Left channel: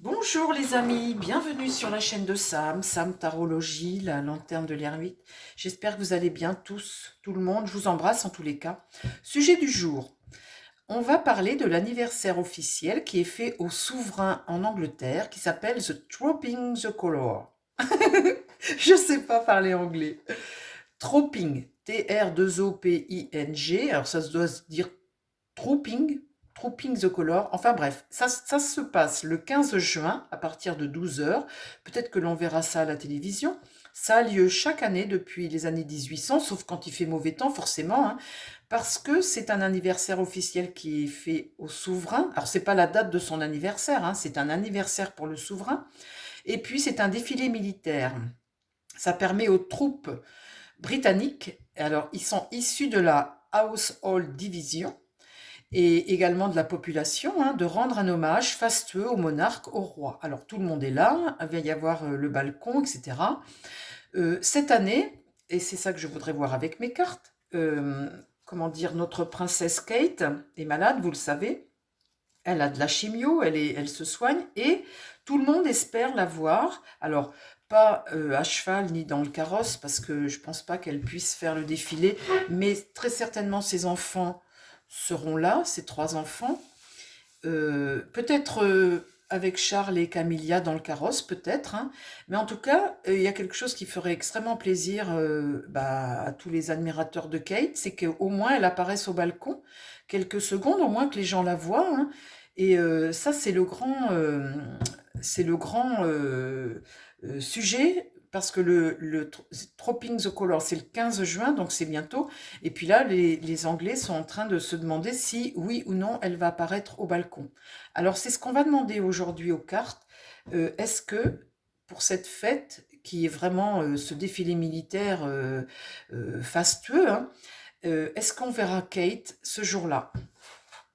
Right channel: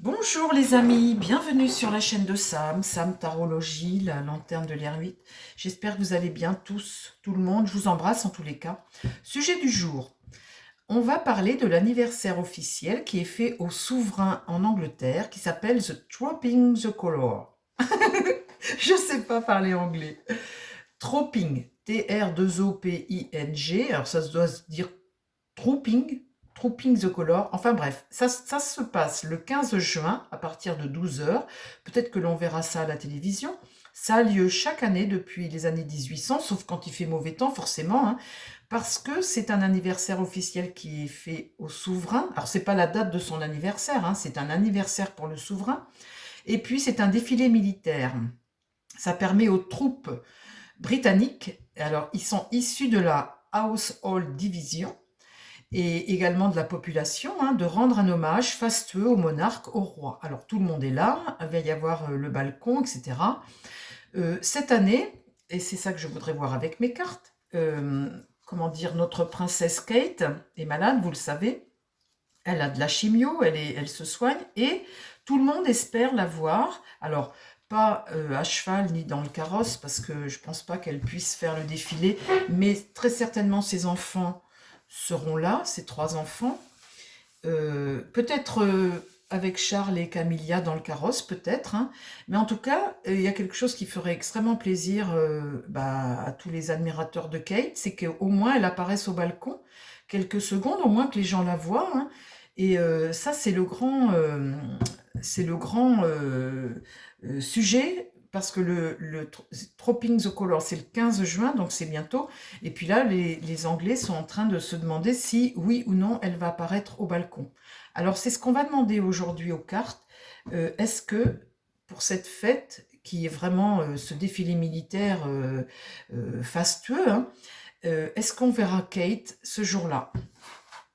Bonjour les amis, bienvenue sur la chaîne de Sam, Sam Tarologie, la lanterne de l'ermite. J'espère que vous allez bien tous, tout le monde, je vous embrasse en tous les cas. Sujet du jour, on va parler de l'anniversaire officiel qui est fait au souverain en Angleterre qui s'appelle The Tropping the Colour. Je ne sais pas parler anglais. Tropping, T-R-2-O-P-I-N-G, alors ça se doit se dire Trooping, Trooping the Color. Enfin bref, ça se passe le 15 juin à partir de 12 heures. Peut-être que l'on verra ça à la télévision. Ça a lieu chaque année depuis les années 1800, sauf quand il fait mauvais temps forcément, hein, parce que c'est un anniversaire officiel qui est fait au souverain. Alors c'est pas la date de son anniversaire, hein, c'est un anniversaire pour le souverain. Et puis c'est un défilé militaire. Ça permet aux troupes britanniques, alors ils sont issus de la Household Division, et également de la population, hein, de rendre un hommage fastueux au monarque, au roi. Alors tout le monde est là, il va y avoir le balcon, etc. Cette année, et c'est ça que je voudrais voir avec mes cartes, comment dire, notre princesse Kate est malade, vous le savez, elle a de la chimio, elle se soigne, et tout le monde espère la voir. Alors, pas à cheval ni dans le carrosse, parce que je ne pense pas qu'elle puisse faire le défilé, mais très certainement ses enfants seront là, ses trois enfants. Peut-être avec Charles et Camilla dans le carrosse, peut-être, hein. Mais en tout cas, il y a quelque chose qui ferait extrêmement plaisir à tous les admirateurs de Kate, c'est qu'au moins elle apparaisse au balcon, quelques secondes, au moins que les gens la voient, hein. Et ça, c'est le grand sujet, parce que le Tropping the Color, c'est le 15 juin, donc c'est bientôt. Et puis là, les Anglais sont en train de se demander si, oui ou non, elle va apparaître au balcon. Alors, c'est ce qu'on va demander aujourd'hui aux cartes. Est-ce que, pour cette fête, qui est vraiment ce défilé militaire fastueux, hein, est-ce qu'on verra Kate ce jour-là?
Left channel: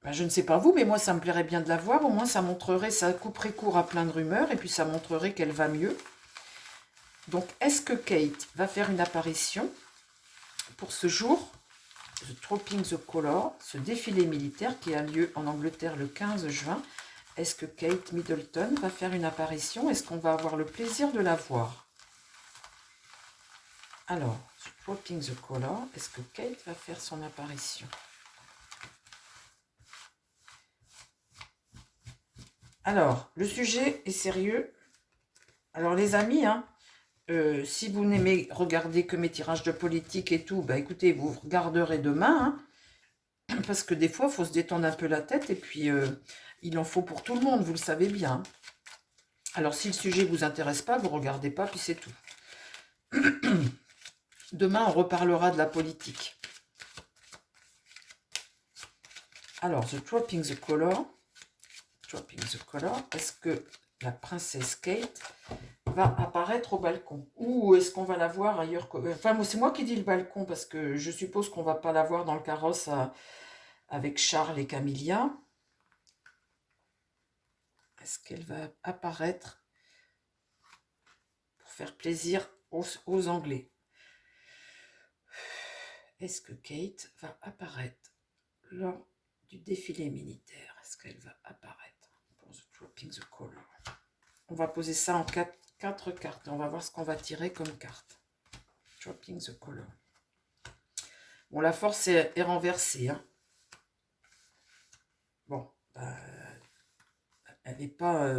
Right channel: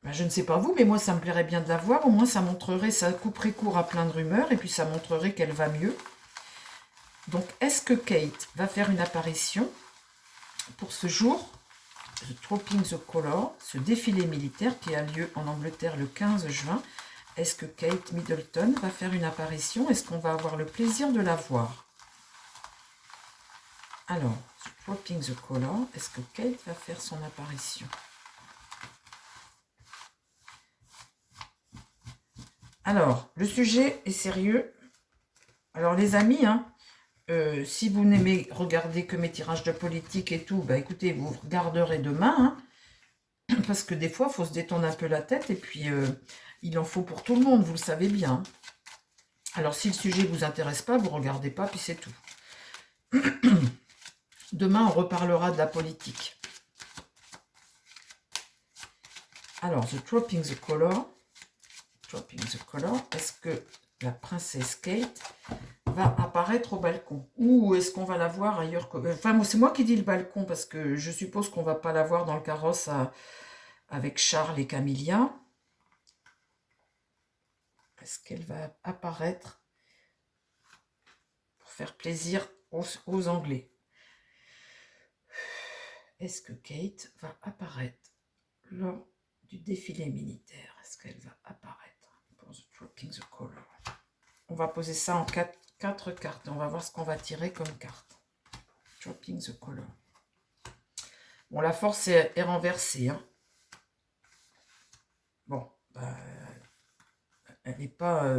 Ben, je ne sais pas vous, mais moi, ça me plairait bien de la voir. Au moins, ça montrerait, ça couperait court à plein de rumeurs, et puis ça montrerait qu'elle va mieux. Donc, est-ce que Kate va faire une apparition pour ce jour, The Tropping the Colour, ce défilé militaire qui a lieu en Angleterre le 15 juin? Est-ce que Kate Middleton va faire une apparition? Est-ce qu'on va avoir le plaisir de la voir? Alors, The Tropping the Colour, est-ce que Kate va faire son apparition? Alors, le sujet est sérieux. Alors, les amis, hein, si vous n'aimez regarder que mes tirages de politique et tout, bah écoutez, vous regarderez demain, hein, parce que des fois, il faut se détendre un peu la tête, et puis il en faut pour tout le monde, vous le savez bien. Alors, si le sujet ne vous intéresse pas, vous ne regardez pas, puis c'est tout. Demain, on reparlera de la politique. Alors, The Tropping the Color. Tropping the Color. Est-ce que la princesse Kate va apparaître au balcon? Ou est-ce qu'on va la voir ailleurs que... Enfin, c'est moi qui dis le balcon, parce que je suppose qu'on ne va pas la voir dans le carrosse avec Charles et Camilla. Est-ce qu'elle va apparaître pour faire plaisir aux Anglais? Est-ce que Kate va apparaître lors du défilé militaire? Est-ce qu'elle va apparaître pour The Tropping the Color? On va poser ça en quatre cartes. On va voir ce qu'on va tirer comme carte. Tropping the Color. Bon, la force est renversée, hein. Bon, bah, elle n'est pas...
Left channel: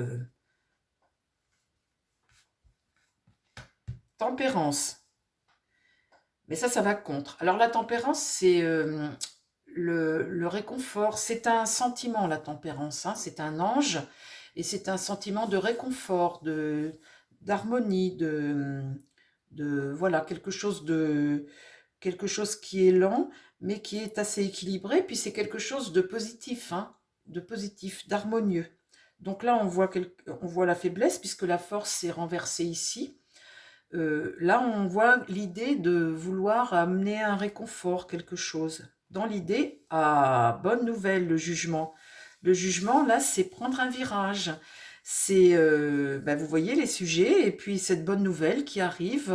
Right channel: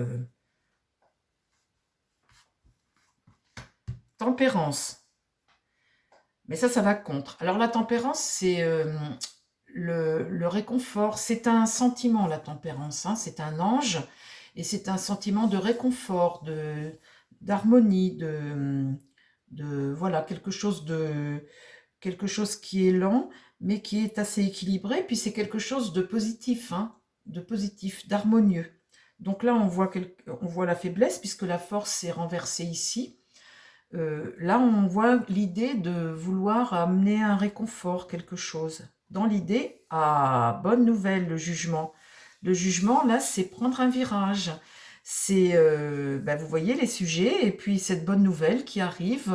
Tempérance. Mais ça va contre. Alors la tempérance, c'est le réconfort. C'est un sentiment, la tempérance, hein. C'est un ange, et c'est un sentiment de réconfort, d'harmonie, voilà, quelque chose qui est lent, mais qui est assez équilibré. Puis c'est quelque chose de positif, hein, d'harmonieux. Donc là, on voit la faiblesse, puisque la force est renversée ici. Là, on voit l'idée de vouloir amener un réconfort, quelque chose. Dans l'idée, ah, bonne nouvelle, le jugement. Le jugement, là, c'est prendre un virage. C'est, vous voyez les sujets, et puis cette bonne nouvelle qui arrive.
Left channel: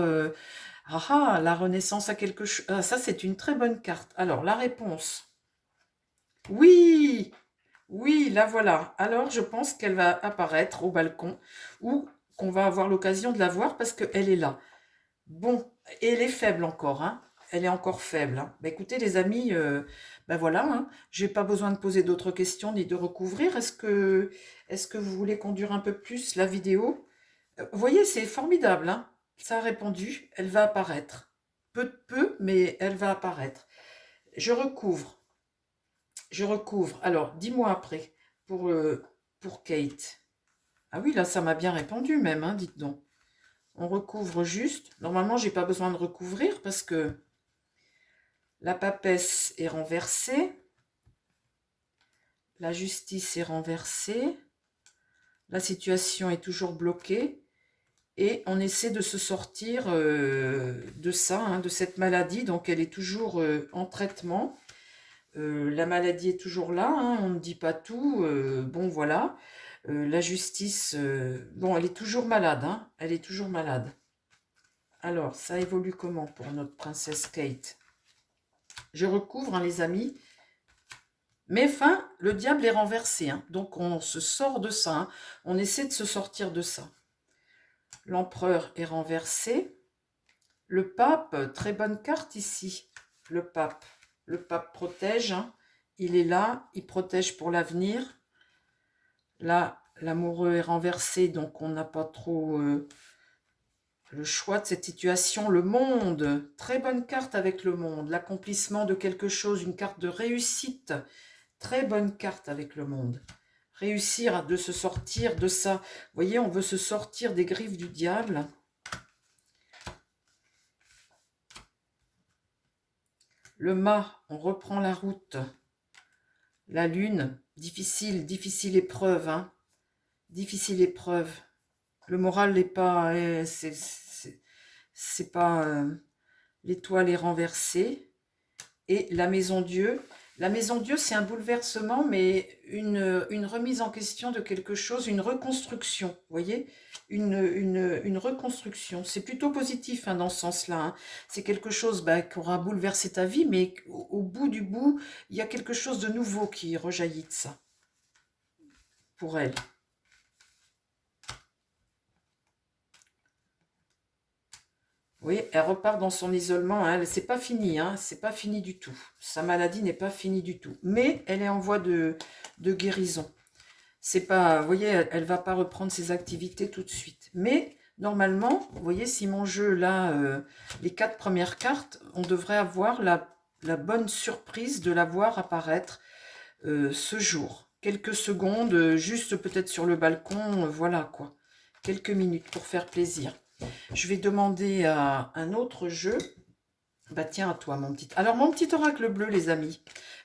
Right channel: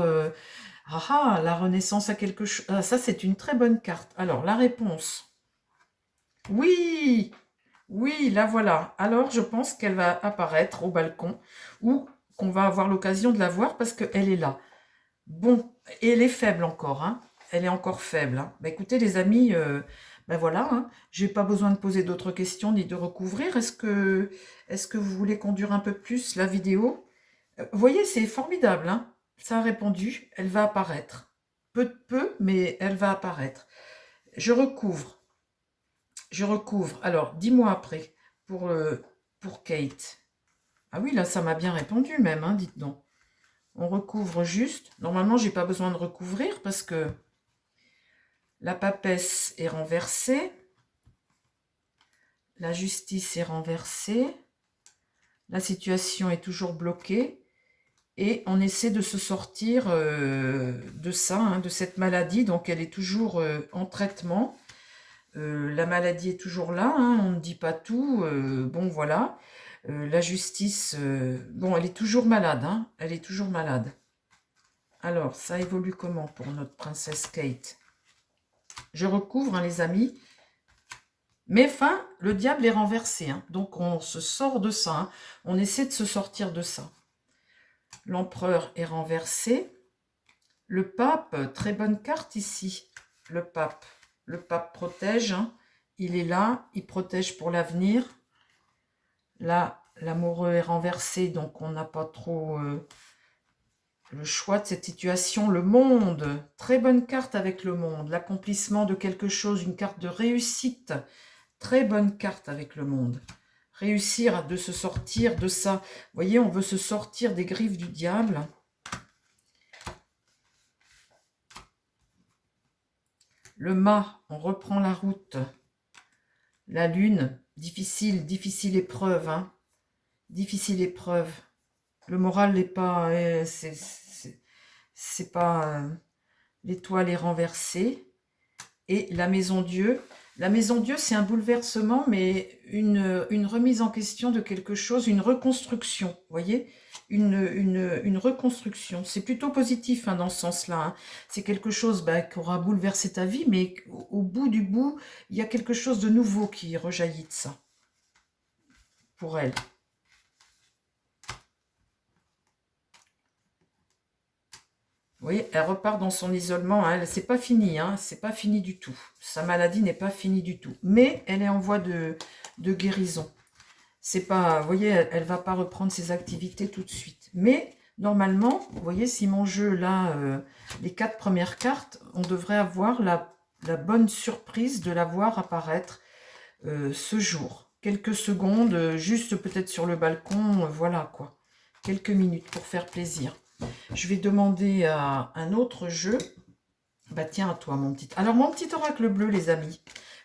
La renaissance à quelque chose. Ah, ça, c'est une très bonne carte. Alors, la réponse. Oui! Oui, la voilà. Alors, je pense qu'elle va apparaître au balcon ou qu'on va avoir l'occasion de la voir parce qu'elle est là. Bon, et elle est faible encore, hein. Elle est encore faible, hein. Bah, écoutez, les amis, ben voilà, hein. Je n'ai pas besoin de poser d'autres questions ni de recouvrir. Est-ce que vous voulez qu'on dure un peu plus la vidéo? Vous voyez, c'est formidable, hein. Ça a répondu, elle va apparaître. Peu de peu, mais elle va apparaître. Je recouvre, je recouvre. Alors, dis-moi après, pour Kate. Ah oui, là, ça m'a bien répondu même, hein, dites donc. On recouvre juste. Normalement, j'ai pas besoin de recouvrir parce que la papesse est renversée. La justice est renversée. La situation est toujours bloquée. Et on essaie de se sortir de ça, hein, de cette maladie. Donc, elle est toujours en traitement. La maladie est toujours là, hein, on ne dit pas tout. Bon, voilà. La justice, bon, elle est toujours malade, hein, elle est toujours malade. Alors, ça évolue comment pour notre princesse Kate? Je recouvre, hein, les amis. Mais enfin, le diable est renversé, hein, donc on se sort de ça, hein, on essaie de se sortir de ça. L'empereur est renversé. Le pape, très bonne carte ici, le pape. Le pape protège, hein, il est là, il protège pour l'avenir. Là, l'amoureux est renversé, donc on n'a pas trop le choix de cette situation. Le monde, très bonne carte avec le monde. L'accomplissement de quelque chose, une carte de réussite. Très bonne carte avec le monde. Réussir de se sortir de ça. Vous voyez, on veut se sortir des griffes du diable. Le mât, on reprend la route. La lune, difficile, difficile épreuve, hein. Difficile épreuve. Le moral n'est pas... c'est pas... l'étoile est renversée. Et la maison Dieu, c'est un bouleversement, mais une remise en question de quelque chose, une reconstruction, vous voyez, une reconstruction. C'est plutôt positif, hein, dans ce sens-là, hein. C'est quelque chose, bah, qui aura bouleversé ta vie, mais au bout du bout, il y a quelque chose de nouveau qui rejaillit de ça, pour elle. Oui, elle repart dans son isolement, hein. C'est pas fini, hein. C'est pas fini du tout. Sa maladie n'est pas finie du tout. Mais elle est en voie de guérison. C'est pas, vous voyez, elle va pas reprendre ses activités tout de suite. Mais normalement, vous voyez, si mon jeu là, les 4 premières cartes, on devrait avoir la bonne surprise de la voir apparaître ce jour. Quelques secondes, juste peut-être sur le balcon, voilà quoi. Quelques minutes pour faire plaisir. Je vais demander à un autre jeu. Bah tiens, à toi, mon petit. Alors, mon petit oracle bleu, les amis.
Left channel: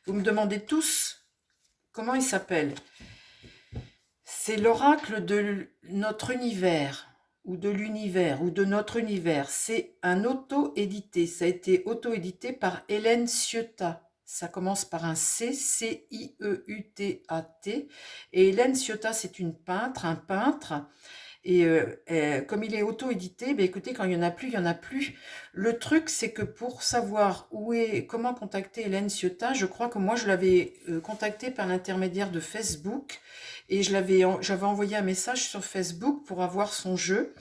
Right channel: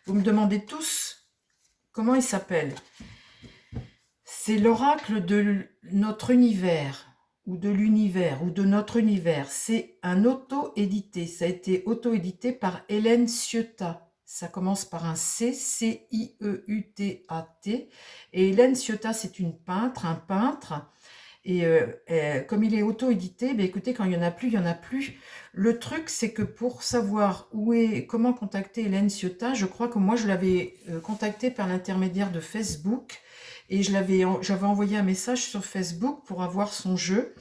Vous me demandez tous comment il s'appelle. C'est l'oracle de notre univers, ou de l'univers, ou de notre univers. C'est un auto-édité. Ça a été auto-édité par Hélène Ciotat. Ça commence par un C, C-I-E-U-T-A-T. Et Hélène Ciotat, c'est une peintre, un peintre. Et comme il est auto-édité, ben écoutez, quand il n'y en a plus, il n'y en a plus. Le truc, c'est que pour savoir comment contacter Hélène Ciotat, je crois que moi, je l'avais contactée par l'intermédiaire de Facebook. Et j'avais envoyé un message sur Facebook pour avoir son jeu.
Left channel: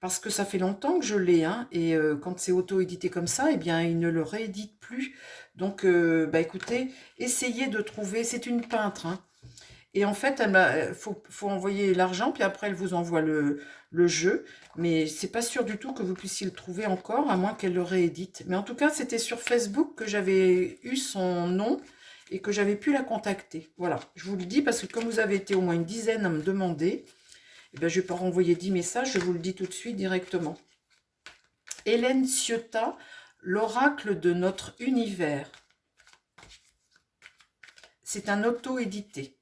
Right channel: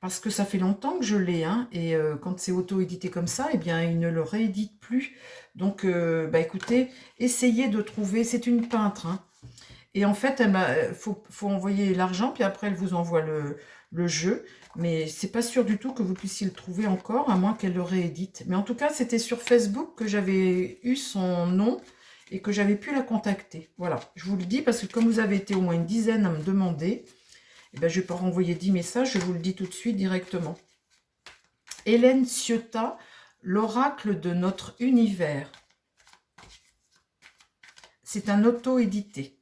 Parce que ça fait longtemps que je l'ai, hein, et quand c'est auto-édité comme ça, eh bien, il ne le réédite plus. Donc, bah, écoutez, essayez de trouver, c'est une peintre, hein, et en fait, faut envoyer l'argent, puis après, elle vous envoie le jeu. Mais c'est pas sûr du tout que vous puissiez le trouver encore, à moins qu'elle le réédite. Mais en tout cas, c'était sur Facebook que j'avais eu son nom et que j'avais pu la contacter. Voilà, je vous le dis parce que comme vous avez été au moins une dizaine à me demander, eh ben, je ne vais pas renvoyer 10 messages, je vous le dis tout de suite directement. Hélène Ciotat, l'oracle de notre univers. C'est un auto-édité.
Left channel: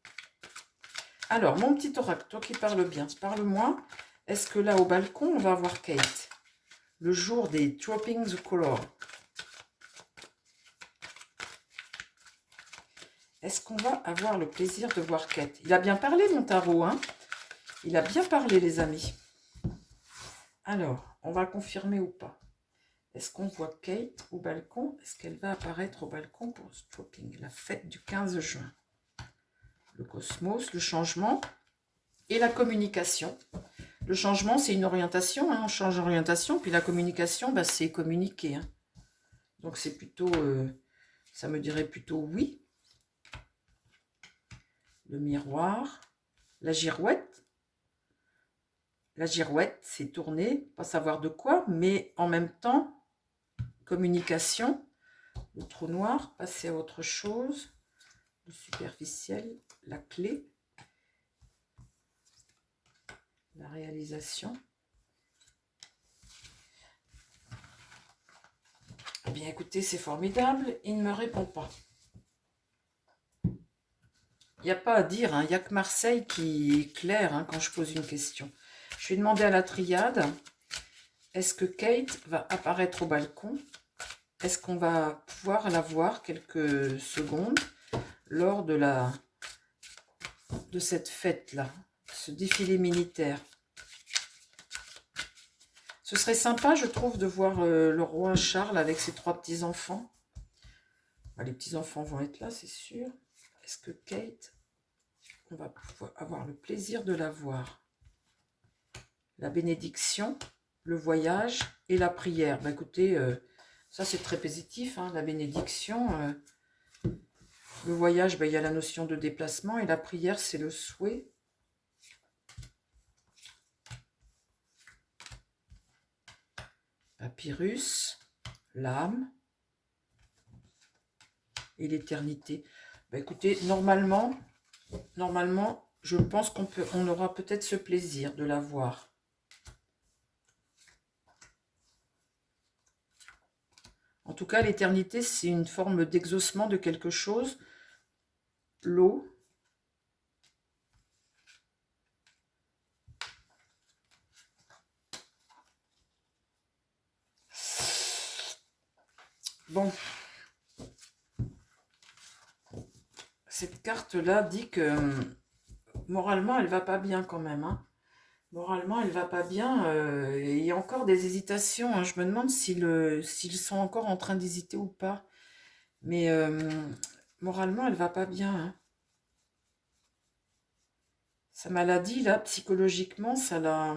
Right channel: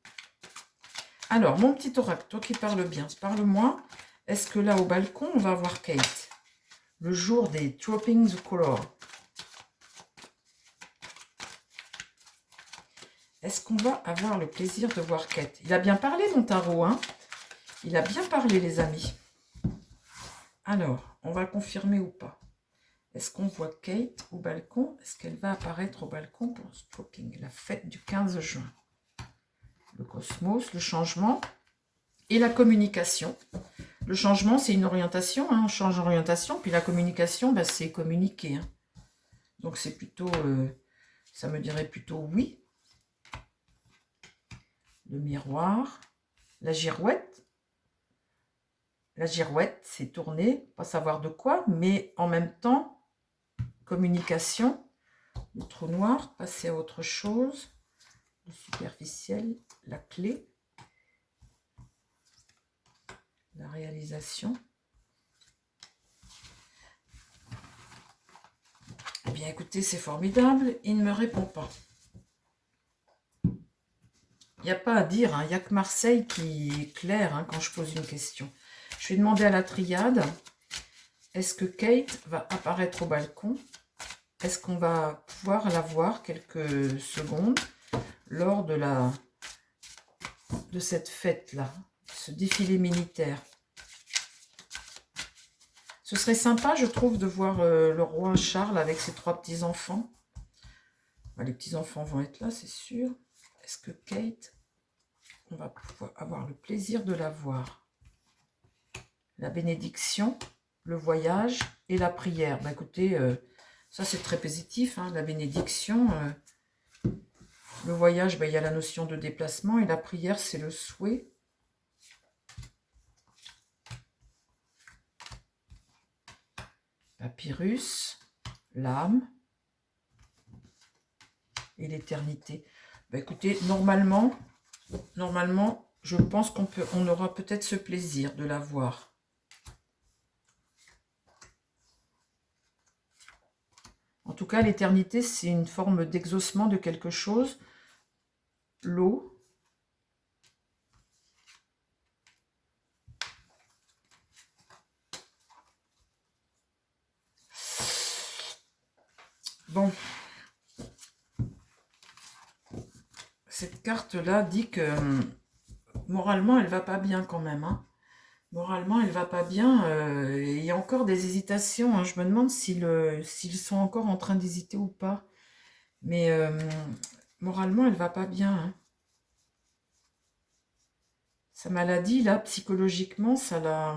Alors, mon petit oracle, toi qui parles bien, parle-moi. Est-ce que là, au balcon, on va voir Kate? Le jour des Dropping the Color. Est-ce qu'on va avoir le plaisir de voir Kate? Il a bien parlé, mon tarot, hein? Il a bien parlé, les amis. Alors, on va confirmer ou pas? Est-ce qu'on voit Kate au balcon? Est-ce qu'elle va apparaître au balcon pour Dropping, la fête du 15 juin? le cosmos, le changement et la communication. Le changement, c'est une orientation, hein, on change d'orientation, puis la communication, bah, c'est communiquer. Hein. Donc c'est plutôt, ça me dirait plutôt oui. Le miroir, la girouette. La girouette, c'est tourner, pas savoir de quoi, mais en même temps, communication. Le trou noir, passer à autre chose. Le superficiel, la clé. La réalisation. Eh bien, écoutez, c'est formidable. Il ne me répond pas. Il n'y a pas à dire, hein. Il n'y a que Marseille qui est clair hein, quand je pose une question. Je vais demander à la triade, est-ce que Kate va apparaître au balcon? Est-ce qu'on va pouvoir la voir quelques secondes lors de cette fête-là, ce défilé militaire? Ce serait sympa, je trouve, de voir le roi Charles avec ses 3 petits-enfants. Bah, les petits-enfants vont être là, c'est sûr. Est-ce que Kate, on va pouvoir avoir le plaisir de la voir? La bénédiction, le voyage et la prière. Bah, écoutez, ça c'est très positif, hein, la bénédiction. Le voyage, bah, il y a la notion de déplacement et la prière, c'est le souhait. Papyrus, l'âme et l'éternité. Bah, écoutez, normalement, je pense qu'on aura peut-être ce plaisir de la voir. En tout cas, l'éternité, c'est une forme d'exaucement de quelque chose. L'eau. Bon. Cette carte-là dit que moralement, elle va pas bien quand même. Hein. Moralement, elle va pas bien. Il y a encore des hésitations. Hein. Je me demande s'ils sont encore en train d'hésiter ou pas. Mais moralement, elle va pas bien. Hein. Sa maladie, là, psychologiquement, ça l'a...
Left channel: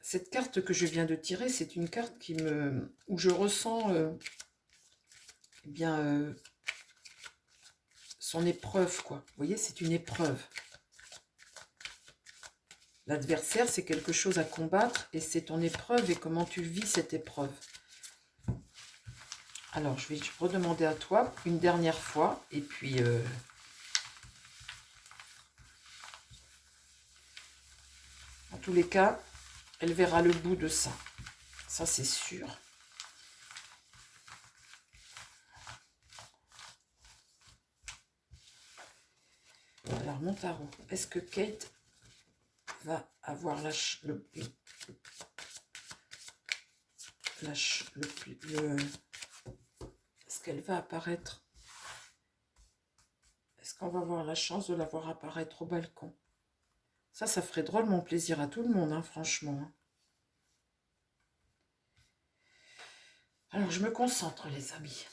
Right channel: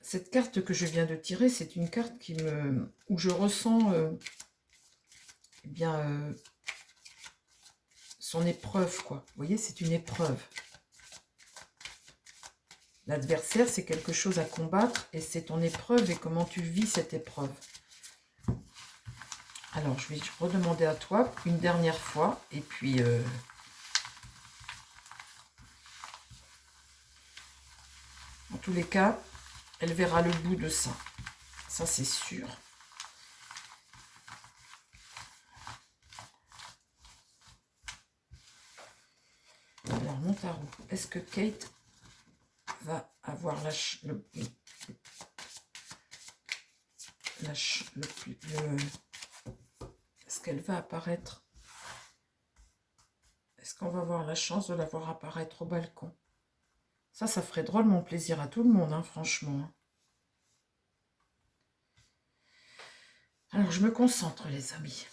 Cette carte que je viens de tirer, c'est une carte où je ressens eh bien, son épreuve, quoi. Vous voyez, c'est une épreuve. L'adversaire, c'est quelque chose à combattre et c'est ton épreuve et comment tu vis cette épreuve. Alors, je vais redemander à toi une dernière fois et puis... en tous les cas, elle verra le bout de ça. Ça, c'est sûr. Alors, mon tarot. Est-ce que Kate va avoir est-ce qu'elle va apparaître? Est-ce qu'on va avoir la chance de la voir apparaître au balcon? Ça ferait drôlement plaisir à tout le monde, hein, franchement. Alors, je me concentre, les amis.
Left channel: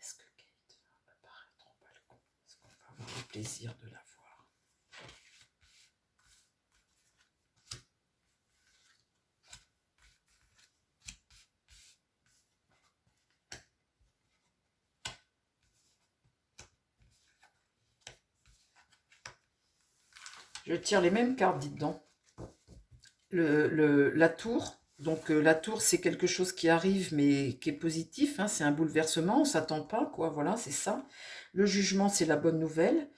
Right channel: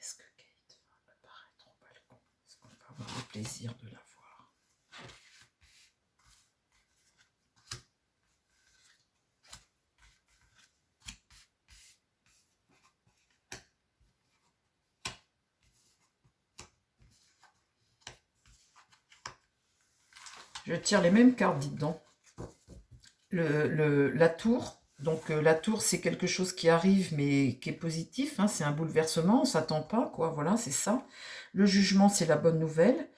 Est-ce que Kate va apparaître au balcon? Est-ce qu'on va avoir le plaisir de la voir? Je tire les mêmes cartes, dites donc. La tour. Donc la tour, c'est quelque chose qui arrive, mais qui est positif. Hein, c'est un bouleversement, on ne s'attend pas, quoi. Voilà, c'est ça. Le jugement, c'est la bonne nouvelle.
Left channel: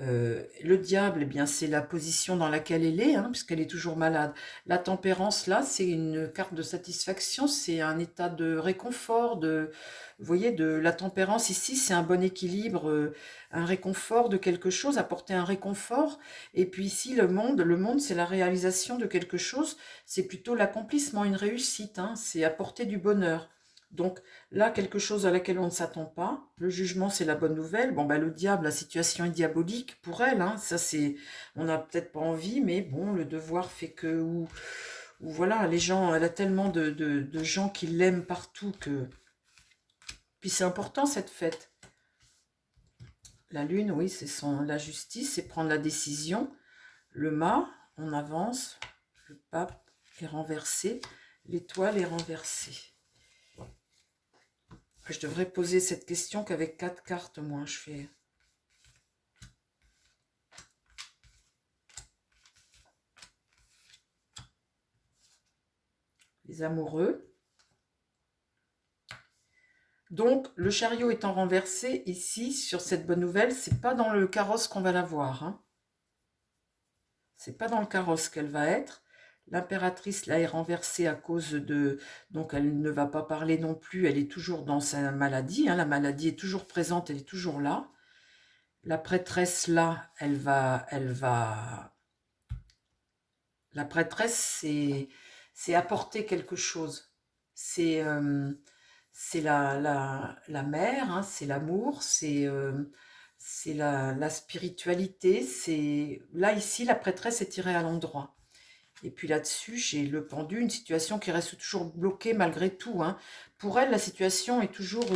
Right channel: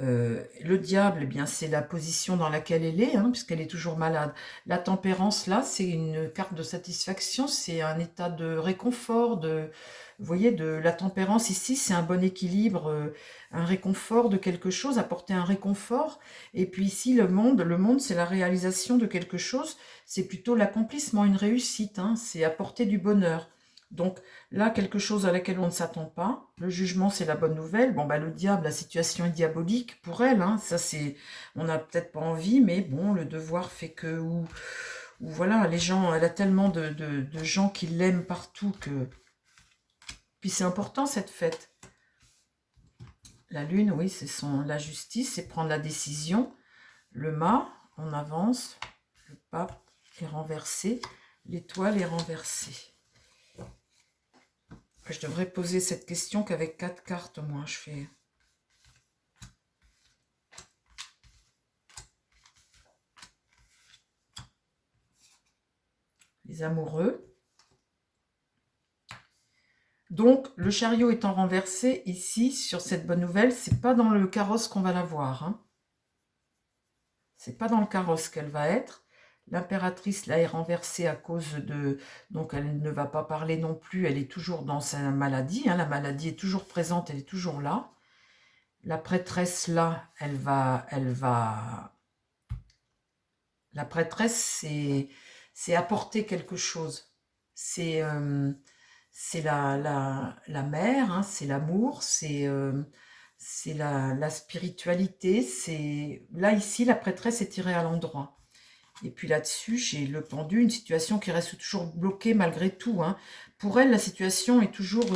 Le diable, eh bien, c'est la position dans laquelle elle est, hein, puisqu'elle est toujours malade. La tempérance, là, c'est une carte de satisfaction, c'est un état de réconfort, vous voyez, de la tempérance ici, c'est un bon équilibre, un réconfort de quelque chose, apporter un réconfort. Et puis ici, le monde, c'est la réalisation de quelque chose, c'est plutôt l'accomplissement, une réussite, hein, c'est apporter du bonheur. Donc là, quelque chose à laquelle on ne s'attend pas. Le jugement, c'est la bonne nouvelle. Bon, bah, le diable, la situation est diabolique pour elle. Hein. Ça, c'est, on n'a peut-être pas envie, mais bon, le devoir fait que... Ou voilà, les gens, elle a tellement de gens qui l'aiment partout que... Puis c'est important, cette fête. La lune, oui, c'est la justice, c'est prendre la décision. Le mât, on avance. Le pape est renversé. L'étoile est renversée. Je devrais poser cette question qu'avec 4 cartes, moi, je fais. Les amoureux. Donc, le chariot étant renversé, ici, sur cette bonne nouvelle, c'est pas dans le carrosse qu'on va la voir. Hein. C'est pas dans le carrosse qu'elle va être. L'impératrice, là, est renversée à cause de... Donc, elle ne va pas parler non plus. Elle est toujours dans sa maladie. Hein. La maladie est toujours présente, elle est toujours là. La prêtresse, là, elle va... La prêtresse, c'est apporter quelque chose. C'est la mère, hein, c'est l'amour, c'est la spiritualité. Là, ici, la prêtresse est tirée à l'endroit. Et puis là-dessus, j'ai le pendu, une situation qui reste toujours bloquée malgré tout. Hein. Pour elle, la situation est toujours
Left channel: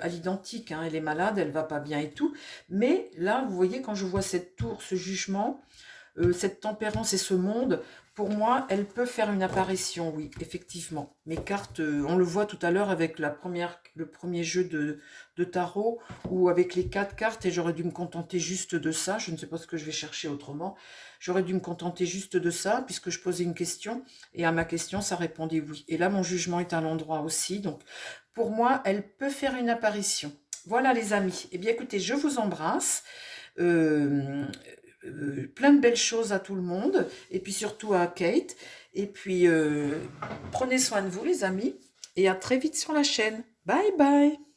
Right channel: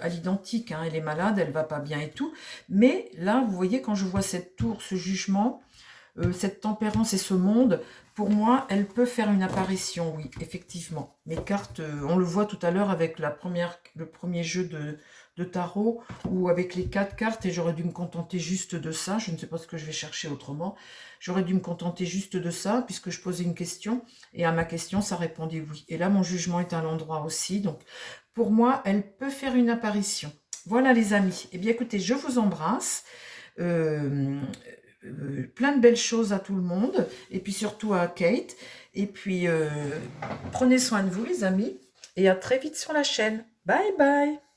à l'identique. Hein. Elle est malade, elle va pas bien et tout. Mais là, vous voyez, quand je vois cette tour, ce jugement, cette tempérance et ce monde, pour moi, elle peut faire une apparition, oui, effectivement. Mes cartes, on le voit tout à l'heure avec le premier jeu de tarot, ou avec les 4 cartes, et j'aurais dû me contenter juste de ça. Je ne sais pas ce que je vais chercher autrement. J'aurais dû me contenter juste de ça, puisque je posais une question, et à ma question, ça répondait oui. Et là, mon jugement est à l'endroit aussi. Donc, pour moi, elle peut faire une apparition. Voilà, les amis. Eh bien, écoutez, je vous embrasse. Euh, plein de belles choses à tout le monde, et puis surtout à Kate. Et puis, prenez soin de vous, les amis, et à très vite sur la chaîne. Bye bye!